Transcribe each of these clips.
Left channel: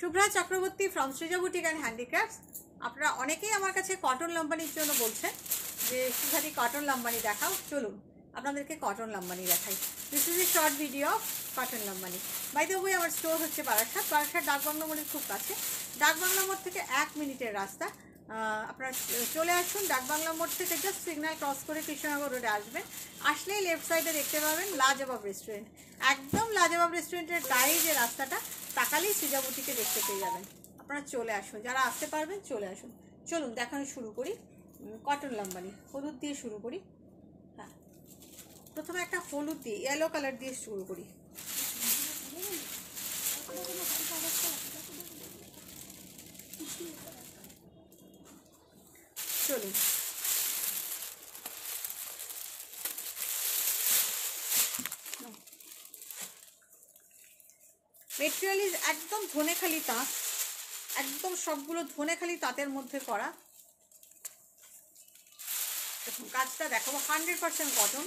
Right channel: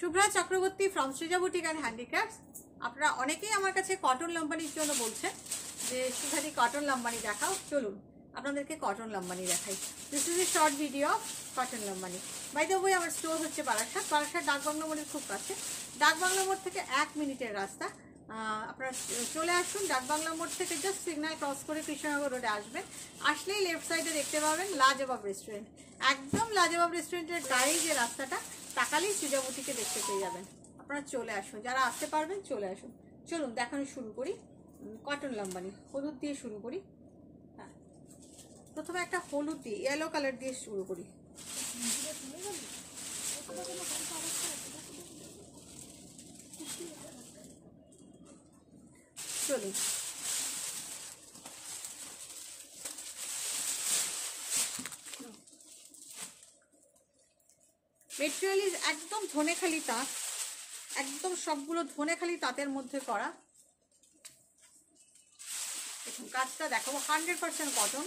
Shubhra Chakraborty from Srija boutique and handicrafts. আপনারা অনেকেই আমার কাছে কটন লাম্বানির জন্য বলছেন যে শুভাদি কটন লাম্বানি দেখাও। চলুন আপনাদেরকে কটন লাম্বানি দেখাই। This is a short video of cotton Lambani. By the way আমার স্টোর হচ্ছে বারাসাত ডাকবাংলা মোড়ের খুব কাছে। ডাকবাংলা মোড় থেকে 1 মিনিটের রাস্তা। আপনারা চলে আসুন ডাকবাংলা মোড় থেকে, জাস্ট সিগন্যাল ক্রস করে কৃষ্ণনগর রোডে আসবেন। আসলেই লেফট সাইডে দেখতে পাবেন লাজবাব রেস্টুরেন্ট। একদম লাজবাব রেস্টুরেন্টের গায়ে যে রাস্তাটা, তাকালেই সৃজা বুটিকে দেখতে পেয়ে যাবেন। আপনারা চলে আসুন, যারা আসতে পারবেন চলে আসুন। চলুন দেখানো শুরু করি। কটন লাম্বানি হলুদ দিয়ে শুরু করি। হ্যাঁ, প্রথমে একটা হলুদ দিয়ে ইয়েলো কালার দিয়ে শুরু করি। চলুন মেটেরিয়াল ইজ একদম ধনেখালি তাঁত, একদম সবগুলো ধনেখালি তাঁতের মধ্যে করা। দেখুন কাজটা দেখাবো, 100% cotton.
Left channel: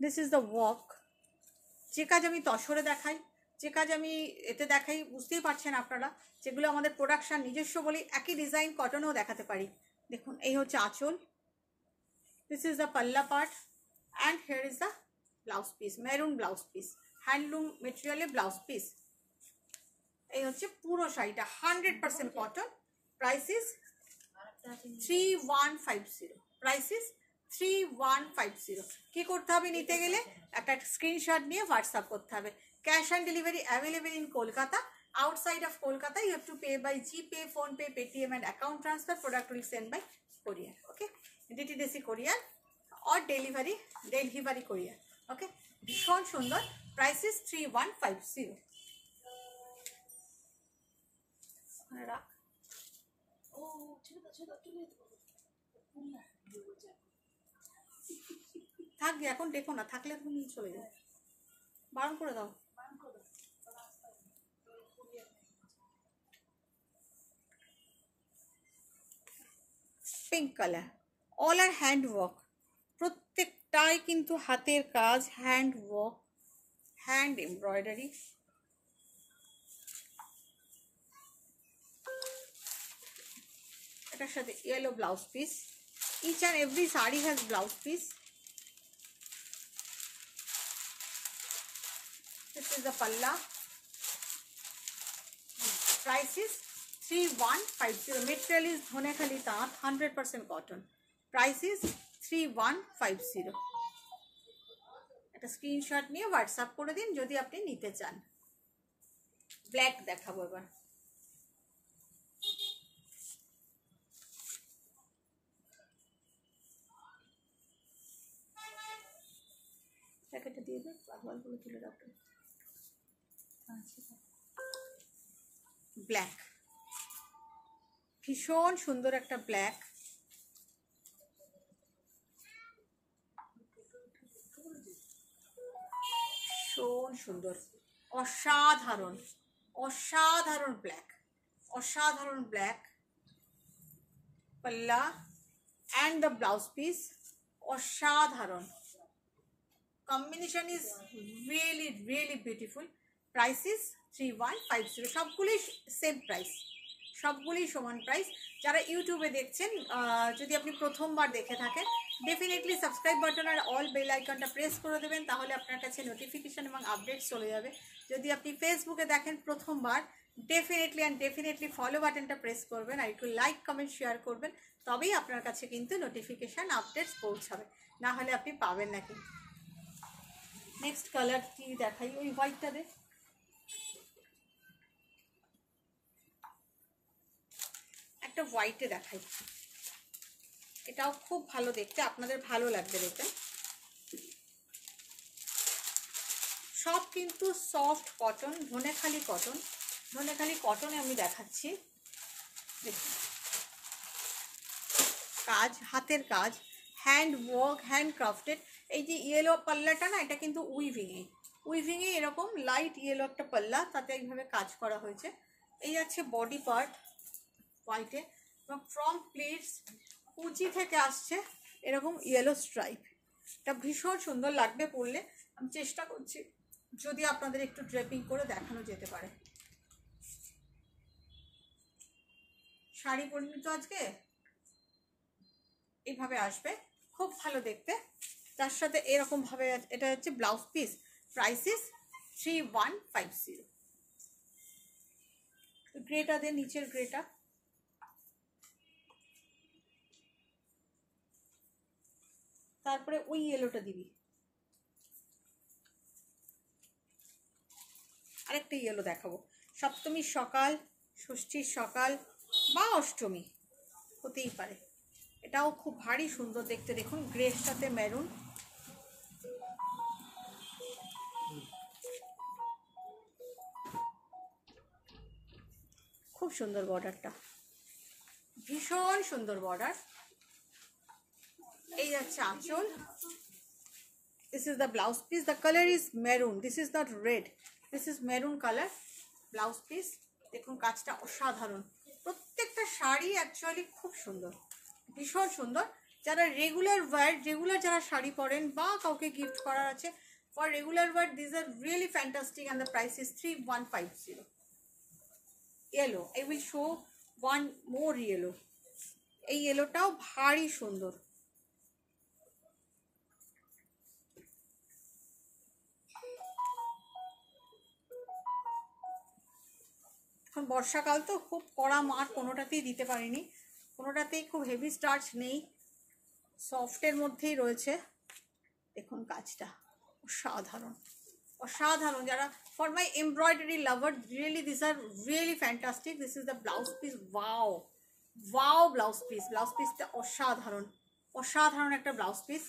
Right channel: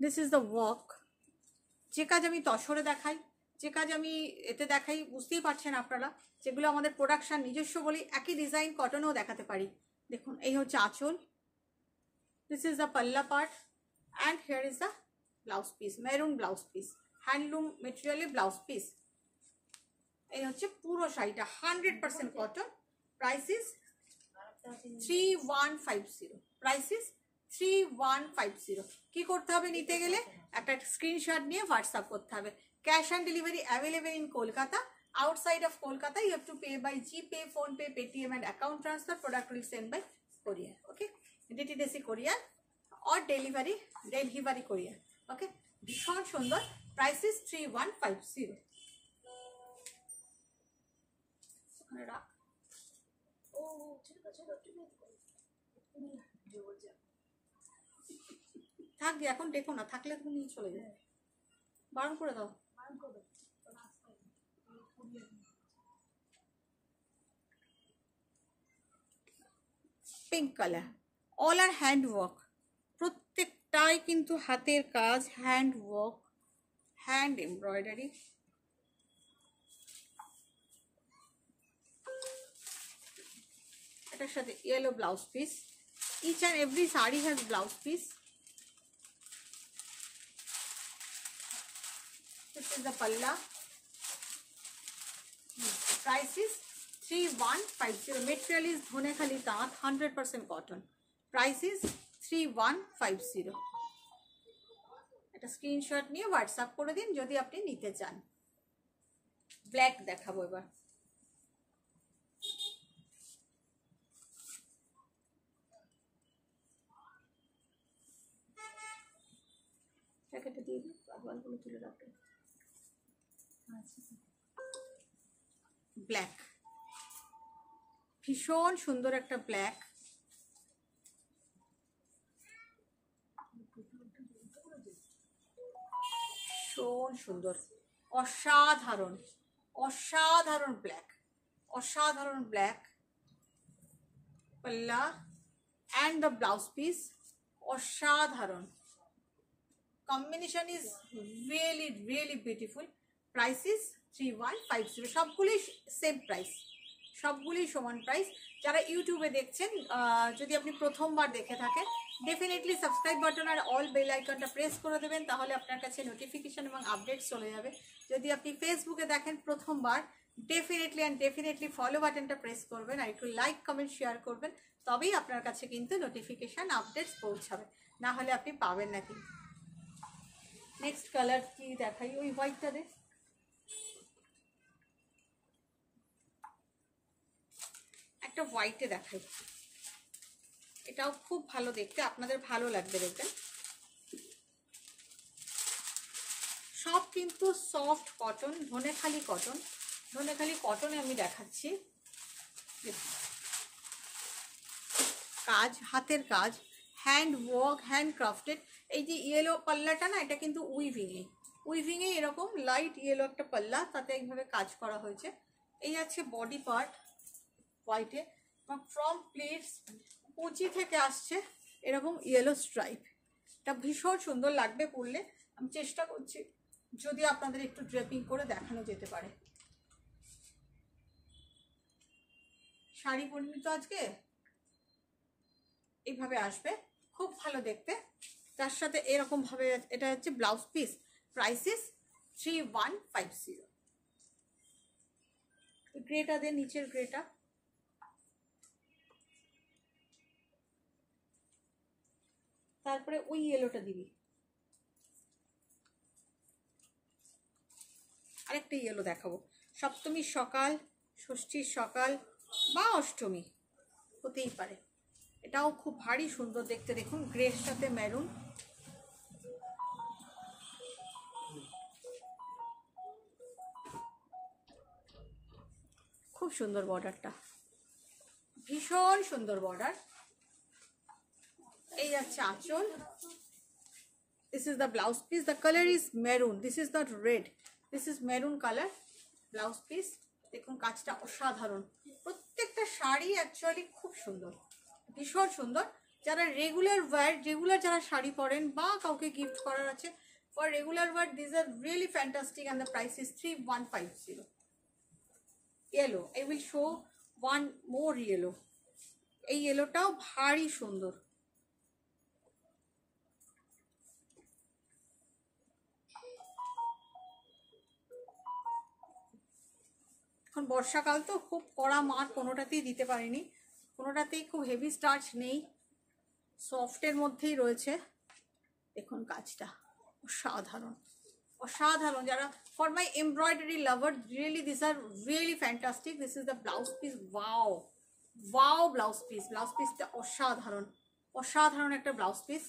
This is the work. যে কাজ আমি তসরে দেখাই, যে কাজ আমি এতে দেখাই, বুঝতেই পারছেন আপনারা, যেগুলো আমাদের প্রোডাকশন নিজস্ব বলি, একই ডিজাইন কটনেও দেখাতে পারি। দেখুন এই হচ্ছে আঁচল, this is the pallu part, and here is the blouse piece, maroon blouse piece, handloom মেটেরিয়ালে ব্লাউজ পিস। এই হচ্ছে পুরো শাড়িটা 100% cotton. Price is 3150। Price is 3150। কি করতে হবে নিতে গেলে? একটা স্ক্রিনশট নিয়ে হোয়াটসঅ্যাপ করতে হবে। Cash on delivery available in Kolkata. Outside of Kolkata, you have to pay by GPay, PhonePe, Paytm and account transfer. Product will send by courier. Okay, DTDC courier or delivery courier. Okay, ভীষণ সুন্দর। Price is 3150। রাখ ও ঠিক আছে, থাকবে এখন, দেখো না থাকলে তুমি নিয়ে চলে যাও, বারণ করে দাও। পিঙ্ক কালার, অল আর হ্যান্ড ওয়ার্ক, প্রত্যেকটাই কিন্তু হাতের কাজ, হ্যান্ড ওয়ার্ক, হ্যান্ড এমব্রয়ডারি। এটার সাথে yellow blouse piece. Each and every sari has blouse piece. This is the palla. Price is 3150. Material is Dhaniakhali তাঁত, 100% cotton. Price is 3150. একটা স্ক্রিনশট নিয়ে হোয়াটসঅ্যাপ করে দিন যদি আপনি নিতে চান। ব্ল্যাক দেখাবো এবার। প্যাকেটে দিয়ে দিন, পাগলগুলো তুলে রাখবেন। ব্ল্যাক, ভীষণ সুন্দর একটা ব্ল্যাক। ভীষণ সুন্দর, অসাধারণ অসাধারণ ব্ল্যাক, অসাধারণ ব্ল্যাক পাল্লা অ্যান্ড দ্য ব্লাউজ পিস। অসাধারণ combination, is really really beautiful. Price is 3150। সবগুলি সেম প্রাইস, সবগুলি সমান প্রাইস। যারা ইউটিউবে দেখছেন, যদি আপনি প্রথমবার দেখে থাকেন, ডেফিনেটলি সাবস্ক্রাইব বাটন আর অল বেল আইকনটা প্রেস করে দেবেন, তাহলে আপনার কাছে নোটিফিকেশন এবং আপডেট চলে যাবে। যদি আপনি ফেসবুকে দেখেন প্রথমবার, ডেফিনেটলি ফলো বাটনটা প্রেস করবেন আর একটু লাইক কমেন্ট শেয়ার করবেন, তবেই আপনার কাছে কিন্তু নোটিফিকেশান আপডেটস পৌঁছাবে, না হলে আপনি পাবেন না কিন্তু। নেক্সট কালার কি দেখাই? ওই হোয়াইটটা দে। একটা হোয়াইটে দেখাই, এটাও খুব ভালো দেখতে, আপনাদের ভালো লাগবে দেখবেন। সব কিন্তু soft cotton, Dhanekhali cotton. Dhanekhali কটনে আমি দেখাচ্ছি। দেখুন কাজ, হাতের কাজ, হ্যান্ড ওয়ার্ক, হ্যান্ড ক্রাফটেড। এই যে ইয়েলো পাল্লাটা না, এটা কিন্তু উইভিংয়ে এরকম লাইট ইয়েলো একটা পাল্লা, তাতে এইভাবে কাজ করা হয়েছে। এই আছে বডি পার্ট হোয়াইটে, এবং ফ্রন্ট প্লিটস কুচি থেকে আসছে এরকম ইয়েলো স্ট্রাইপ। এটা ভীষণ সুন্দর লাগবে পরলে। আমি চেষ্টা করছি যদি আপনাদের একটু ড্রেপিং করে দেখানো যেতে পারে। শাড়ি পরিনি তো আজকে, এইভাবে আসবে, খুব ভালো দেখতে। তার সাথে এরকম ভাবে, এটা হচ্ছে blouse piece. Price is 3150। Greta দিয়ে, নিচের গ্রেটা, তারপরে ওই ইয়েলোটা দিবি, আরেকটা ইয়েলো দেখাবো। সপ্তমীর সকাল, ষষ্ঠীর সকাল বা অষ্টমী হতেই পারে। এটাও খুব ভারী সুন্দর দেখতে, দেখুন গ্রের সাথে মেরুন। খুব সুন্দর বর্ডারটা, ভীষণ সুন্দর বর্ডার। এই যাচ্ছে আঁচল। This is the blouse piece. The colour is maroon, this is not red, this is maroon colour blouse piece. দেখুন কাজটা অসাধারণ। প্রত্যেকটা শাড়ি অ্যাকচুয়ালি খুব সুন্দর, ভীষণ সুন্দর। যারা রেগুলার ওয়্যার, রেগুলার যারা শাড়ি পরেন বা কাউকে গিফট করার আছে, for regular wire this are really fantastic and the price is 3150। Yellow, I will show one more yellow. এই ইয়েলোটাও ভারী সুন্দর। এখন বর্ষাকাল তো, খুব কড়া মার কোনোটাতেই দিতে পারিনি, কোনোটাতেই খুব হেভি স্টার্চ নেই, সফটের মধ্যেই রয়েছে। দেখুন কাজটা অসাধারণ, অসাধারণ। যারা for my embroidery lover, really this are really fantastic. This is the blouse piece. Wow wow blouse piece, blouse পিসটা অসাধারণ, অসাধারণ একটা blouse piece.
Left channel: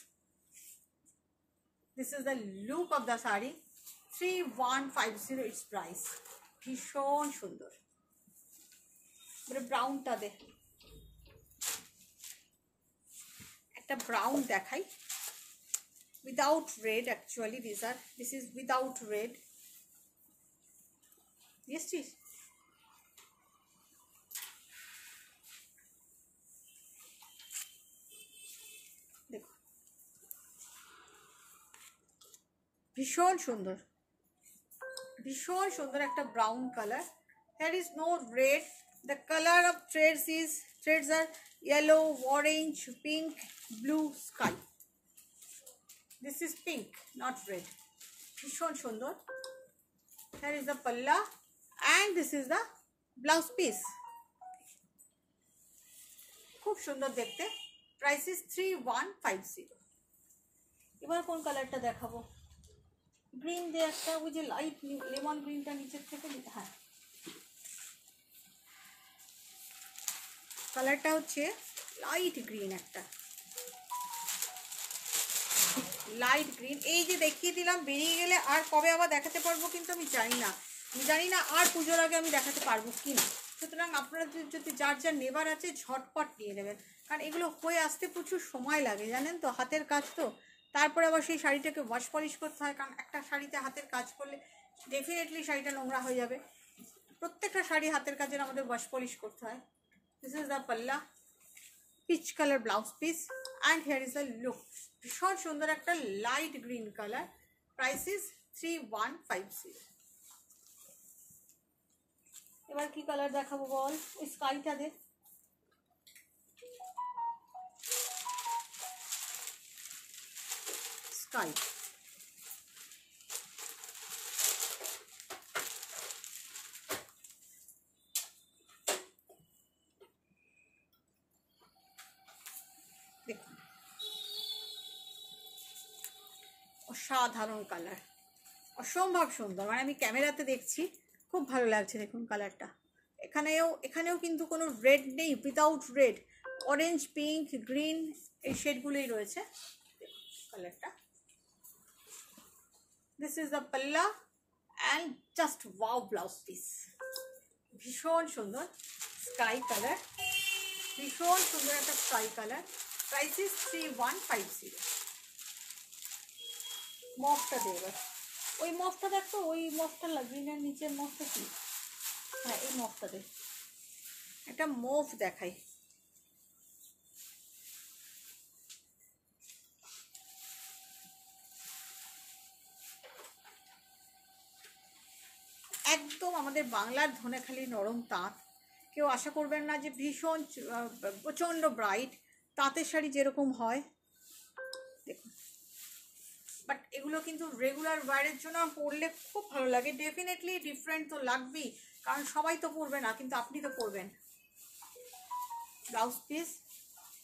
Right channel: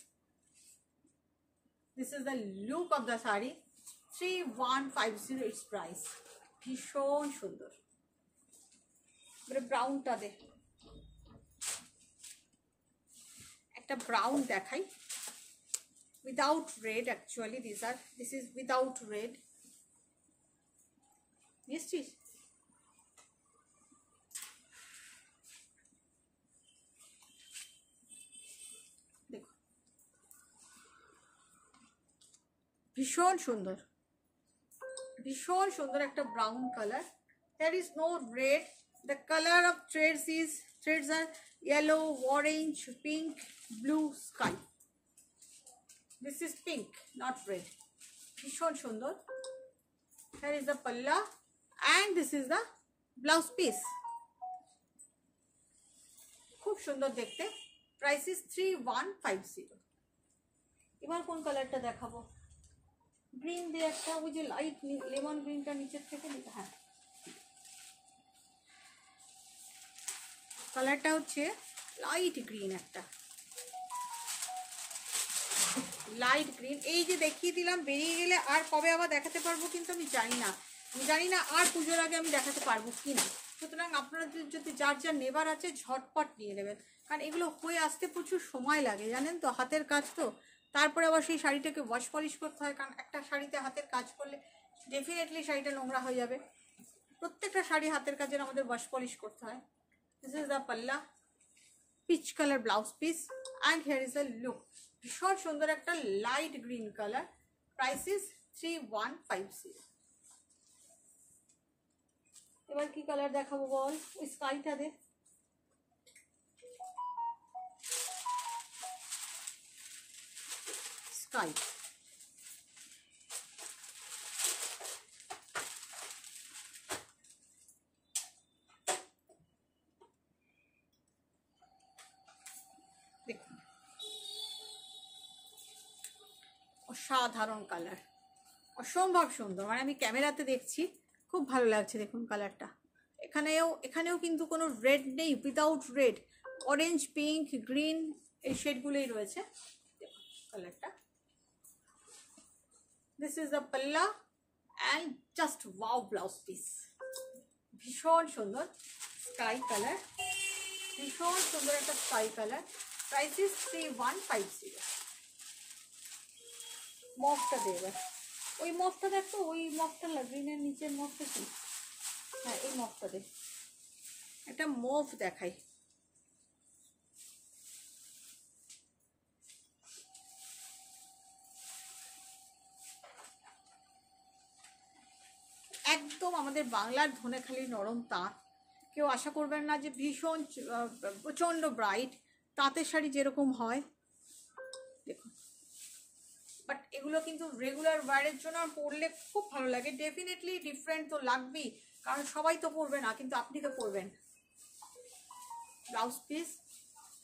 This is the look of the sari. 3150 it's price. ভীষণ সুন্দর। এবারে ব্রাউনটা দে, একটা ব্রাউন দেখাই, without red actually. This is without red. Yes please. দেখো ভীষণ সুন্দর, ভীষণ সুন্দর একটা brown colour. There is no red. The color of threads are yellow, orange, pink, blue, sky. This is pink, not red. ভীষণ সুন্দর। Here is the palla and this is the blouse piece. খুব সুন্দর দেখতে। Price is 3150। এবার কোন কালারটা দেখাবো? Green দিয়ে একটা, ওই যে লাইট লেমন গ্রিনটা নিচের থেকে, হ্যাঁ কালারটা হচ্ছে লাইট গ্রিন, একটা লাইট গ্রিন। এই যে দেখিয়ে দিলাম, বেরিয়ে গেলে আর কবে আবার দেখাতে পারবো কিন্তু আমি জানি না, আর পুজোর আগে আমি দেখাতে পারবো কি না। সুতরাং আপনারা যদি যার যার নেবার আছে ঝটপট নিয়ে নেবেন, কারণ এগুলো হয়ে আসতে প্রচুর সময় লাগে, জানেন তো, হাতের কাজ তো। তারপরে আবার সেই শাড়িটাকে ওয়াশ পলিশ করতে হয়, কারণ একটা শাড়িতে হাতের কাজ করলে ডেফিনেটলি শাড়িটা নোংরা হয়ে যাবে। প্রত্যেকটা শাড়ি হাতের কাজের আমাদের ওয়াশ পলিশ করতে হয়। দিস ইজ দ্য পাল্লা, peach colour blouse piece, and here is the look. ভীষণ সুন্দর একটা light green colour. Price is 3150। এবার কি কালার দেখাবো বল? ওই স্কাইটা দে। স্কাই, দেখুন অসাধারণ কালার, অসম্ভব সুন্দর। মানে আমি ক্যামেরাতে দেখছি, খুব ভালো লাগছে। দেখুন কালারটা, এখানেও কিন্তু কোনো রেড নেই, without red, orange, pink, green, এই শেডগুলোই রয়েছে। দেখুন কালারটা। দিস ইজ দ্য পাল্লা and just wow blouse piece. ভীষণ সুন্দর স্কাই কালার, ভীষণ সুন্দর একটা স্কাই কালার। Price is 3150। মফটা দে এবার, ওই মফটা দেখো, ওই মফটা গ্রিনের নিচের মফটা কি, হ্যাঁ এই মফটা দে, একটা মফ দেখাই। একদম আমাদের বাংলার ধনেখালি নরম তাঁত। কেউ আশা করবেন না যে ভীষণ প্রচণ্ড ব্রাইট তাঁতের শাড়ি যেরকম হয়, দেখুন। বাট এগুলো কিন্তু রেগুলার ওয়্যারের জন্য পরলে খুব ভালো লাগে। ডেফিনেটলি ডিফারেন্ট তো লাগবেই, কারণ সবাই তো পরবে না, কিন্তু আপনি তো পরবেন। Blouse piece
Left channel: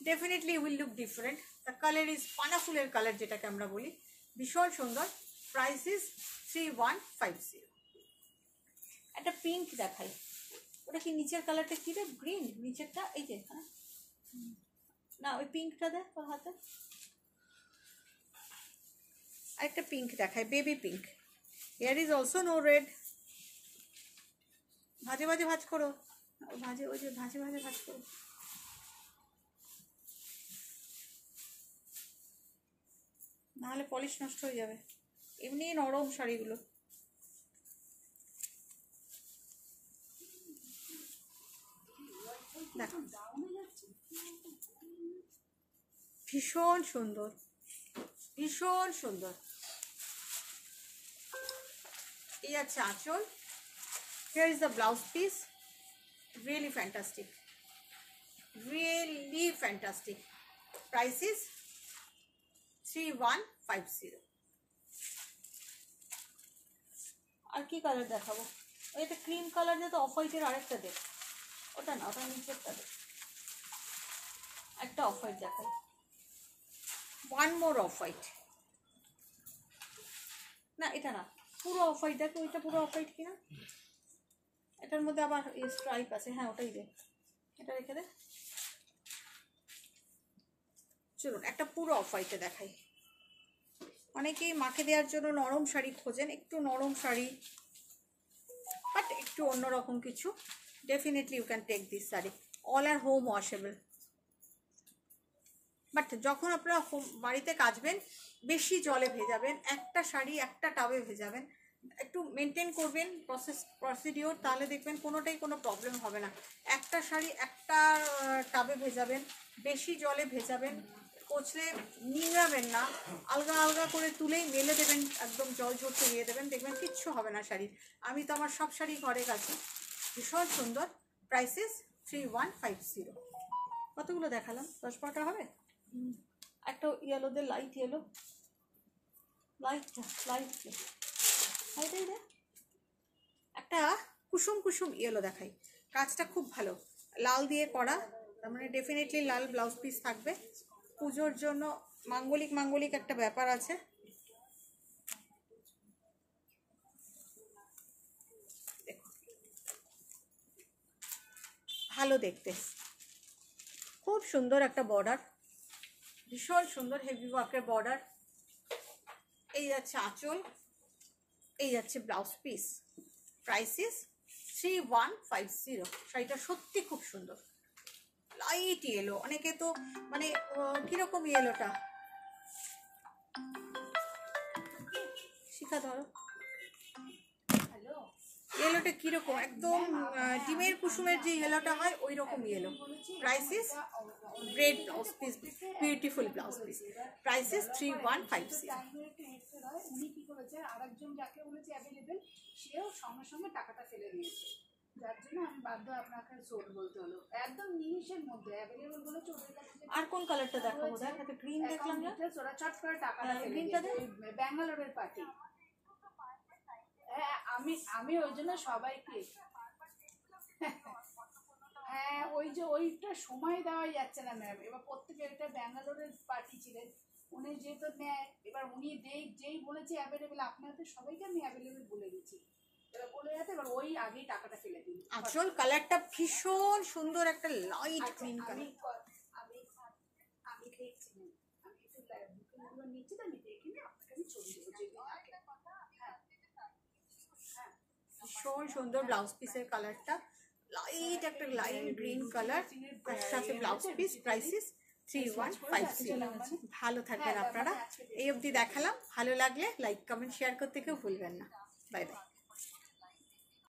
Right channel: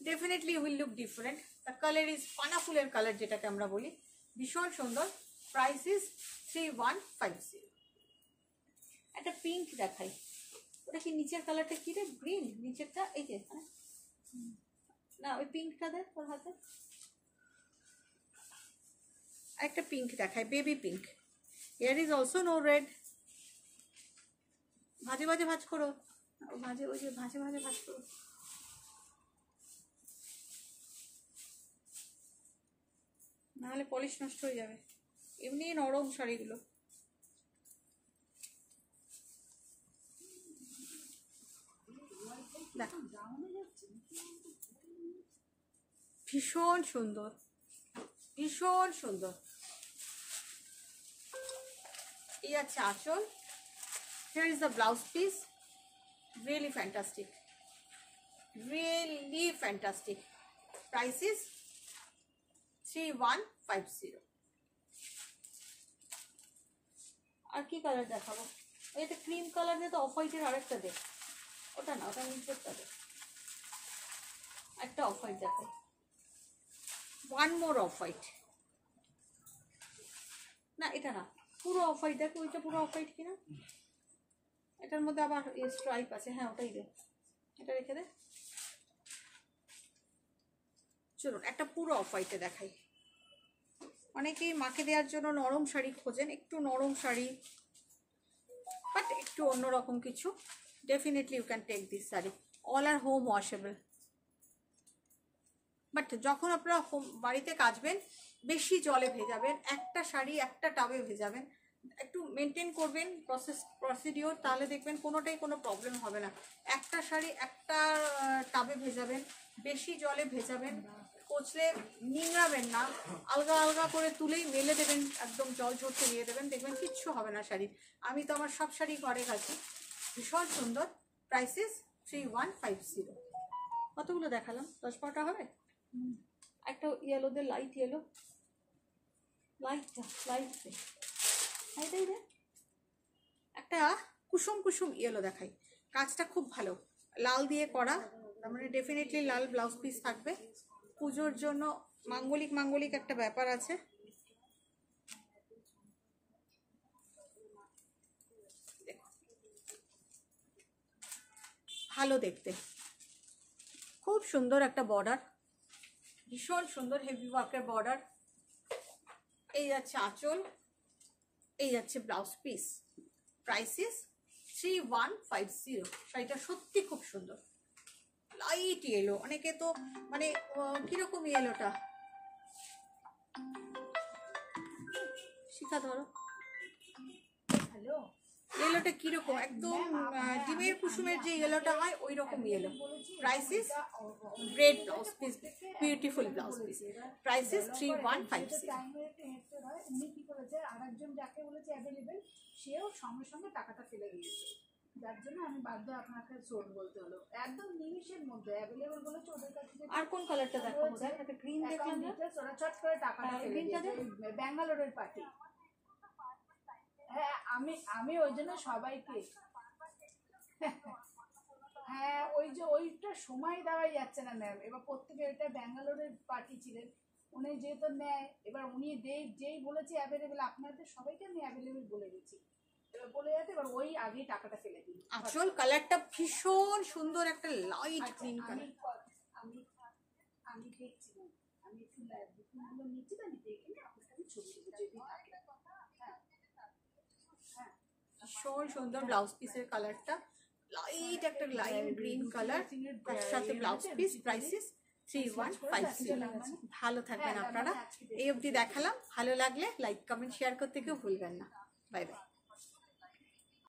definitely will look different. The colour is পানা ফুলের কালার, যেটাকে আমরা বলি, ভীষণ সুন্দর। Price is 3150। একটা পিঙ্ক দেখাই, ওটা কি নিচের কালারটা কি রে? গ্রিন নিচেরটা, এই যে হ্যাঁ না, ওই পিঙ্কটা দে তোর হাতে। আরেকটা পিঙ্ক দেখায়, baby pink. Here is also no red. ভাজে ভাজে ভাজ করো, ভাজে ওই যে ভাজে ভাজে ভাজ করো। নাহলে পলিশ নষ্ট হয়ে যাবে। এমনি নরম শাড়িগুলো। দেখো ভীষণ সুন্দর, ভীষণ সুন্দর। এই আছে আঁচল। Here is the blouse piece. Really fantastic. Really fantastic. Price is 3150. আর কি কালার দেখাবো? ওই একটা ক্রিম কালার দিয়ে, তো অফ হোয়াইটের আরেকটা দে। ওটা না, ওটা নিচেরটা দে। একটা অফ হোয়াইট দেখাই। One more off white. না এটা না, পুরো অফ হোয়াইট দেখো। ওইটা পুরো অফ হোয়াইট কিনা? এটার মধ্যে আবার স্ট্রাইপ আছে। হ্যাঁ ওটাই দে, এটা রেখে দে। চলুন একটা পুরো অফ হোয়াইটে দেখাই। অনেকেই মাকে দেওয়ার জন্য নরম শাড়ি খোঁজেন, একটু নরম শাড়ি বাট একটু অন্যরকম কিছু। Definitely you can take this sari. All are home washable. But যখন আপনারা বাড়িতে কাচবেন, বেশি জলে ভেজাবেন। একটা শাড়ি একটা টাবে ভেজাবেন, একটু মেনটেন করবেন প্রসিডিওর, তাহলে দেখবেন কোনোটাই কোনো প্রবলেম হবে না। একটা শাড়ি একটা টাবে ভেজাবেন, বেশি জলে ভেজাবেন, কচলে নিংড়াবেন না, আলগা আলগা করে তুলেই মেলে দেবেন, একদম জল ঝরতে দিয়ে দেবেন, দেখবেন কিচ্ছু হবে না শাড়ি। আমি তো আমার সব শাড়ি ঘরে কাছি। ভীষণ সুন্দর। Price is 3150। কতগুলো দেখালাম? 10-12টা হবে। একটা ইয়েলোতে, লাইট ইয়েলো, লাইটাই দে। একটা কুসুম কুসুম ইয়েলো দেখাই। কাজটা খুব ভালো, লাল দিয়ে করা, তার মানে ডেফিনেটলি লাল ব্লাউজ পিস থাকবে। পুজোর জন্য মাঙ্গলিক একটা ব্যাপার আছে। ভালো দেখতে, খুব সুন্দর একটা বর্ডার, ভীষণ সুন্দর হেভি ওয়ার্কের বর্ডার। এই যাচ্ছে আঁচল, এই যাচ্ছে ব্লাউজ পিস। Price is 3150। শাড়িটা সত্যি খুব সুন্দর। লাইট ইয়েলো, অনেকে তো মানে কিরকম ইয়েলোটা, শিখা ধরো, হ্যালো, ইয়েলোটা কিরকম, একদম ডিমের কুসুমের যে ইয়েলোটা হয় ওই রকম yellow. Price is great blouse piece, beautiful blouse piece. Price is 3150। উনি কি করেছে, আরেকজন যাকে বলেছে অ্যাভেলেবেল, সেও সঙ্গে সঙ্গে টাকাটা ফেলে দিয়েছে, যার জন্য আমি বাধ্য আপনাকে সোল্ড বলতে হলো। একদম নিমিশের মধ্যে অ্যাভেলেবেল বলেছে ওদের কাছে। আর কোন কালারটা দেখাবো? দেখ একটা গ্রিন দেখলাম না, ওরা চট করে টাকাটা ফেলে দিয়েছে। ব্যাঙ্গালোরের পার্টি। হ্যাঁ আমি ওই জন্য সবাইকে, হ্যাঁ ওই যে ওইটা সময় দেওয়াই যাচ্ছে না ম্যাম। এবার প্রত্যেকে, এটা ব্যাঙ্গালোরের পার্টি ছিলেন, উনি যেহেতু নেয়, এবার উনি যেই বলেছে অ্যাভেলেবেল, আপনাদের সবাইকে আমি অ্যাভেলেবেল বলে দিচ্ছি, এবার বলে যাতে এবার ওই আগেই টাকাটা ফেলে দিন। আসল কালারটা ভীষণ সুন্দর, একটা লাইট গ্রিন কালার। আমি দেখছি না, আমি একটু বুকিংগুলো নিচ্ছি, তো আমি দেখে নিয়ে আপনাকে আমি ছবি দেবো যদি থাকে। ভীষণ সুন্দর ব্লাউজ পিসের কালারটা, লাইট একটা লাইট গ্রিন কালার, তার সাথে ব্লাউজ পিস। Price is 3150। ভালো থাকবেন আপনারা। এই অবধি দেখালাম, ভালো লাগলে লাইক কমেন্ট শেয়ার করতে কেউ ভুলবেন না। Bye bye.